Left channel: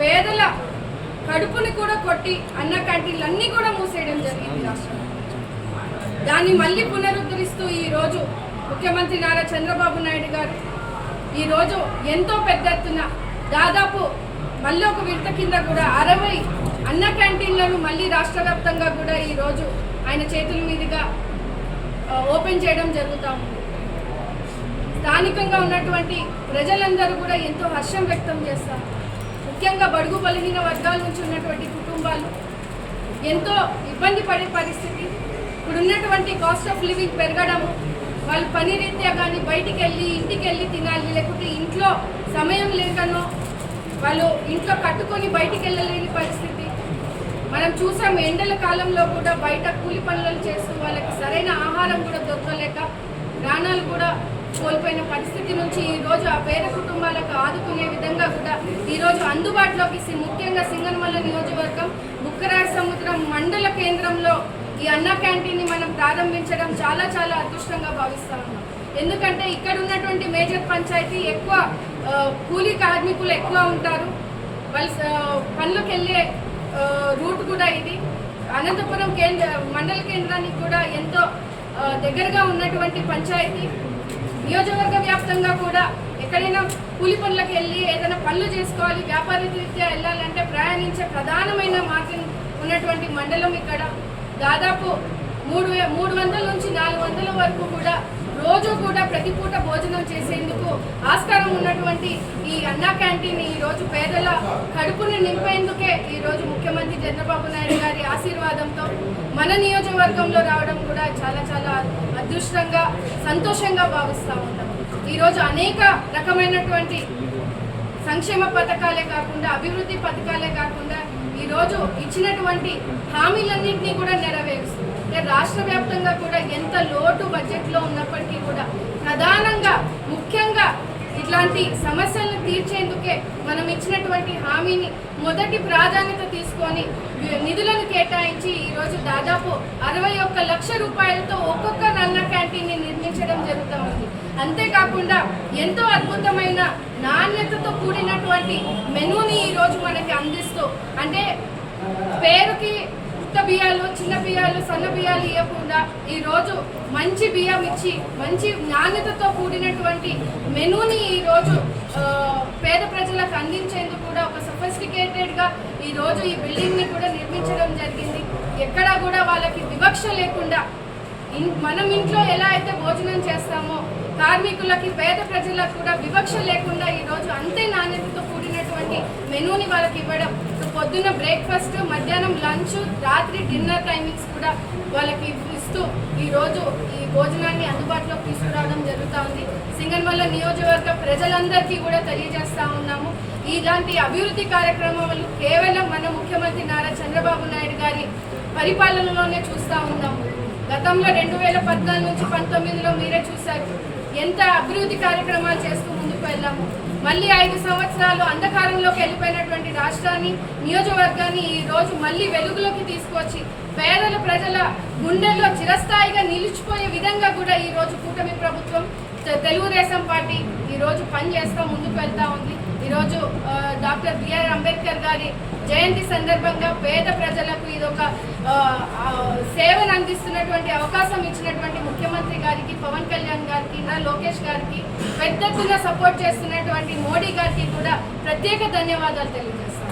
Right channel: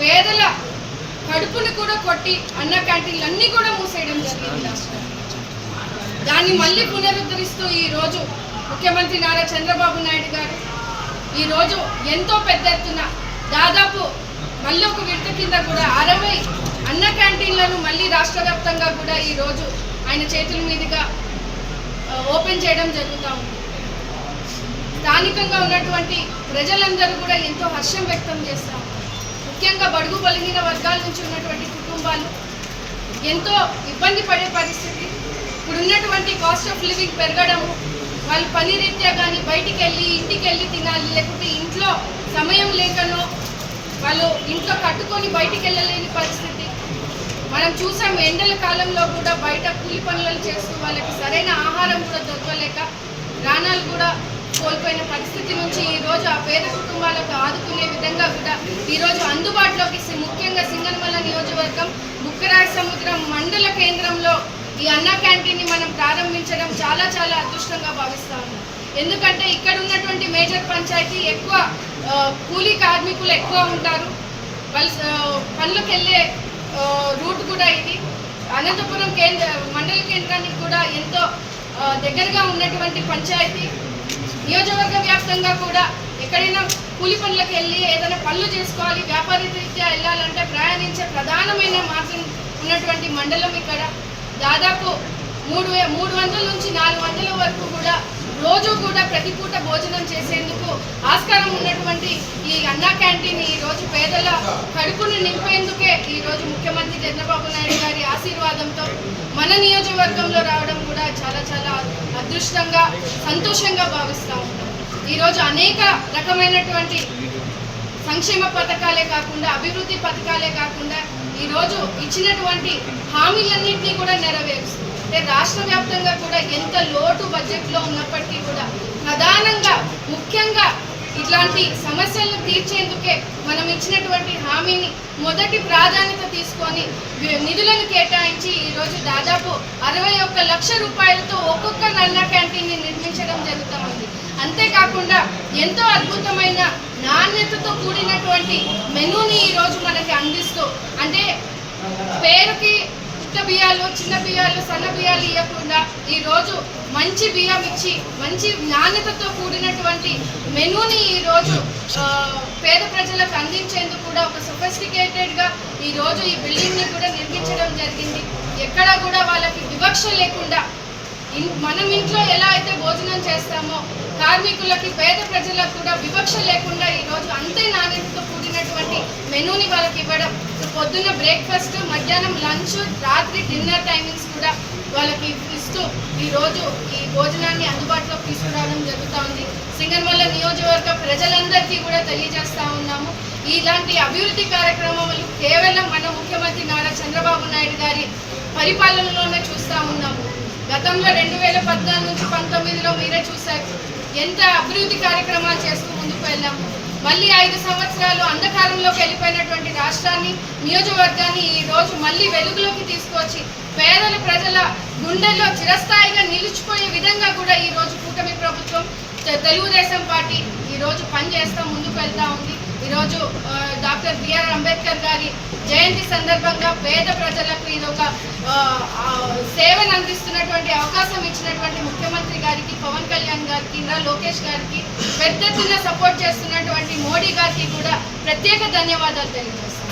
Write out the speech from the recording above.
పేదల కడుపుని కూడా కొట్టి అన్న క్యాంటీన్లు అన్నీ కూడా మూసేయడం జరిగింది రాష్ట్రంలో. దాన్ని మళ్ళీ పునరుద్ధరిస్తూ ఈరోజు ముఖ్యమంత్రి నారా చంద్రబాబు నాయుడు గారు ఈరోజు ఎంతో పెద్ద ఎత్తున దాదాపు మళ్ళీ ఒక విడత కింద కూడా 60 అన్న క్యాంటీన్లను మళ్ళీ రాష్ట్ర వ్యాప్తంగా కూడా ఈరోజు ఆయన చేతుల మీదుగా ఓపెన్ చేయడం జరుగుతూ ఉంది. స్థానికంగా ఉన్నటువంటి ప్రజలందరూ కూడా ఎంతో హర్షం వ్యక్తం చేస్తారు. ముఖ్యంగా బడుగు బలహీన వర్గాల నుంచి ఉన్నటువంటి కుటుంబాలు ఎంతో ఇబ్బంది పడే పరిస్థితి. ఇప్పుడు ఉన్నటువంటి కాస్ట్ ఆఫ్ లివింగ్ పెరగడము, వాళ్ళు పని రీత్యా కానీ బయటికి వెళ్ళి ఇంటికి వెళ్ళి తినాలి, లేకుంటే ఇంట్లో సమయం లేకనో వాళ్ళు ఇంట్లో కట్టుకొని బయటికి వెళ్ళలేని పరిస్థితి మనం చూసాం. ఎండల కాలంలో కూడా బయట కూలి పనులు చేస్తూ వాళ్ళకి సరైన ఆహారం కూడా దొరకలేక ప్రాణాలు కూడా కోల్పోయిన పరిస్థితి నుంచి ఈరోజు ఆ పేద కుటుంబాలకు ఆదుకునే విధంగా కూడా ఈరోజు అందుబాటులోకి ముఖ్యంగా సింగనమల నియోజకవర్గం బుక్కరాయ సముద్రం మండల కేంద్రంలో ఈ అన్నా క్యాంటీన్ని మనం ప్రారంభించడం చాలా చాలా అదృష్టంగా భావిస్తా ఉన్నాం. ఎందుకంటే ఇక్కడ ఉన్నటువంటి మేజర్ పంచాయతీ ఎక్కువ కూలీ కార్మికులు ఎక్కువ ఉంటారు. వాళ్ళు పనులకు వెళ్ళే రూట్ కూడా ఇది. అనంతపురం మండల కేంద్రానికి కూడా ఎంతో దగ్గరగా ఉన్నటువంటి పంచాయతీ. నియోజకవర్గ వ్యాప్తంగా కూడా ఎక్కడైనా కూలి పనులకు వెళ్ళి ఏదైనా పనులు చేసుకోవాలి, వ్యాపార రీత్యా వెళ్ళాలంటే ప్రయాణించే ప్రధానమైన మార్గం ఉన్నటువంటి మండలం ఇక్కడ. దాదాపు 300 నుంచి 400 వరకు కూడా రోజు కూడా ప్రతి పూట భోజనం చేసేందుకు ఆస్కారం ఉన్నటువంటి ఈ అన్నా క్యాంటీన్ ఈరోజు పేదల కడుపును నింపేందుకే ఈరోజు ముఖ్యమంత్రి చంద్రబాబు నాయుడు గారి ఆశీర్వాదంతో మన నియోజకవర్గంలో రావడం కూడా చాలా చాలా అదృష్టంగా సంతోషంగా భావిస్తూ ఉంటాం. ఈరోజు అనేక రకమైనటువంటి సంక్షేమ పథకాలే కాకుండా అభివృద్ధి పథకాలే కాకుండా ఈరోజు ఇచ్చినటువంటి హామీలన్నింటినీ కూడా నెరవేరుస్తుంది. అంటే రాష్ట్ర వ్యాప్తంగా కూడా ఎంత లోటు బడ్జెట్లో ఉన్నప్పటికీ కూడా ప్రధానంగా ముఖ్యంగా ఇట్లాంటి సమస్యలను తీర్చేందుకే మనం ఇచ్చినటువంటి హామీని మొదటి ప్రాధాన్యత తీసుకొని నిధులను కేటాయించి ఈరోజు దాదాపు 61 లక్షల రూపాయలతో ఒక్కొక్క అన్నా క్యాంటీన్ని నిర్మించడం జరుగుతుంది. అంతేకాకుండా ఎంతో అద్భుతమైన నాణ్యతతో కూడినటువంటి మెనూని ఈరోజు మనకి అందిస్తూ, అంటే పేరుకి ఉత్త బియ్యాలు, చిన్న బియ్యాలు, సన్న బియ్యాలు ఇవ్వకుండా ఈరోజు మంచి బియ్యం ఇచ్చి మంచి నాణ్యతతో కూడినటువంటి మెనూని ఈరోజు పేద ప్రజలకు అందించేందుకు కూడా ఒక సొఫిస్టికేటెడ్గా ఈరోజు ఈ బిల్డింగ్ని కూడా నిర్మించడం జరిగింది. ఎక్కడా కూడా వాళ్ళకి వివక్ష లేకుండా మనం ఇంట్లో ఎలా అయితే భోజనం చేస్తామో కార్మికులకి పేద ప్రజలకు కూడా వివక్ష లేకుండా ఈరోజు అంతే నాణ్యతతో కూడినటువంటి మెనూని వాళ్ళకి ఇవ్వడం. పొద్దున్న బ్రేక్ఫాస్ట్, మధ్యాహ్నం లంచ్, రాత్రి డిన్నర్ టైమింగ్స్ కూడా వాళ్ళకి ఇస్తూ ఈరోజు ఈ భోజనాన్ని అందుబాటులోకి తీసుకురావడం జరుగుతూ ఉంది. సింగనమల నియోజకవర్గ ప్రజలందరికీ కూడా తెలియజేస్తూ ఉన్నాము, ఇలాంటి అభివృద్ధి కార్యక్రమాలు కేవలం మన ముఖ్యమంత్రి నారా చంద్రబాబు నాయుడు గారి పరిపాలనలోనే చూస్తూ ఉన్నాము. గతంలో 2014 నుంచి 19లో మీరే చూశారు ఎంత అభివృద్ధి కార్యక్రమాలు చేస్తూ ముందుకు వెళ్ళాము. మళ్ళీ 5 సంవత్సరాలు అంధకారంలోకి వెళ్ళిపోయినటువంటి రాష్ట్రాన్ని, నియోజకవర్గాన్ని ఈరోజు మళ్ళీ వెలుగులోకి తీసుకొచ్చి పేదల ప్రజల గుండెల్లో చిరస్థాయిగా నిలిచిపోయే విధంగా కూడా ఈరోజు కూటమి ప్రభుత్వం, తెలుగుదేశం పార్టీ ఈరోజు పనిచేస్తూ ముందుకు వెళ్తూ ఉంది. ఈరోజు డాక్టర్ బిఆర్ అంబేద్కర్ గారి జయంతి సందర్భంగా పేద ప్రజలకు ఇదొక సేవను అందిస్తున్నటువంటి అవకాశం ఇచ్చినటువంటి ముఖ్యమంత్రి గారికి, పవన్ కళ్యాణ్ గారికి, లోకేష్ గారికి, పెద్ద ఎత్తున సపోర్ట్ చేస్తున్నటువంటి మోడీ గారికి కూడా ప్రత్యేక ధన్యవాదాలు తెలియజేస్తాం.